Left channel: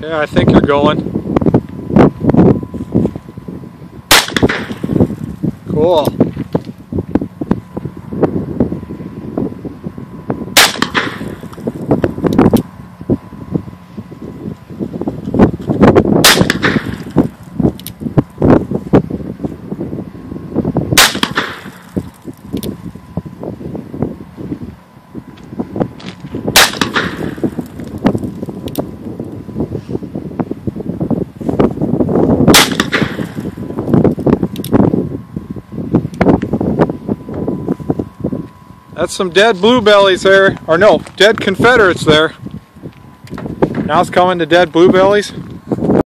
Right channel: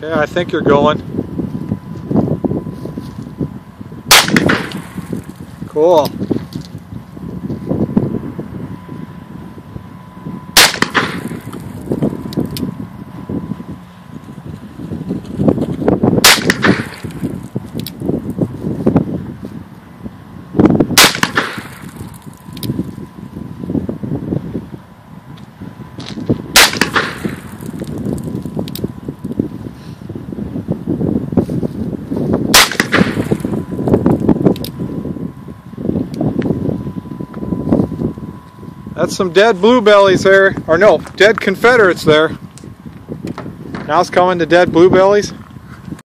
Okay, I think you're going. Cool. That's some dead bluebellies there, or no, dead Confederates there. Now it's coming to dead bluebellies.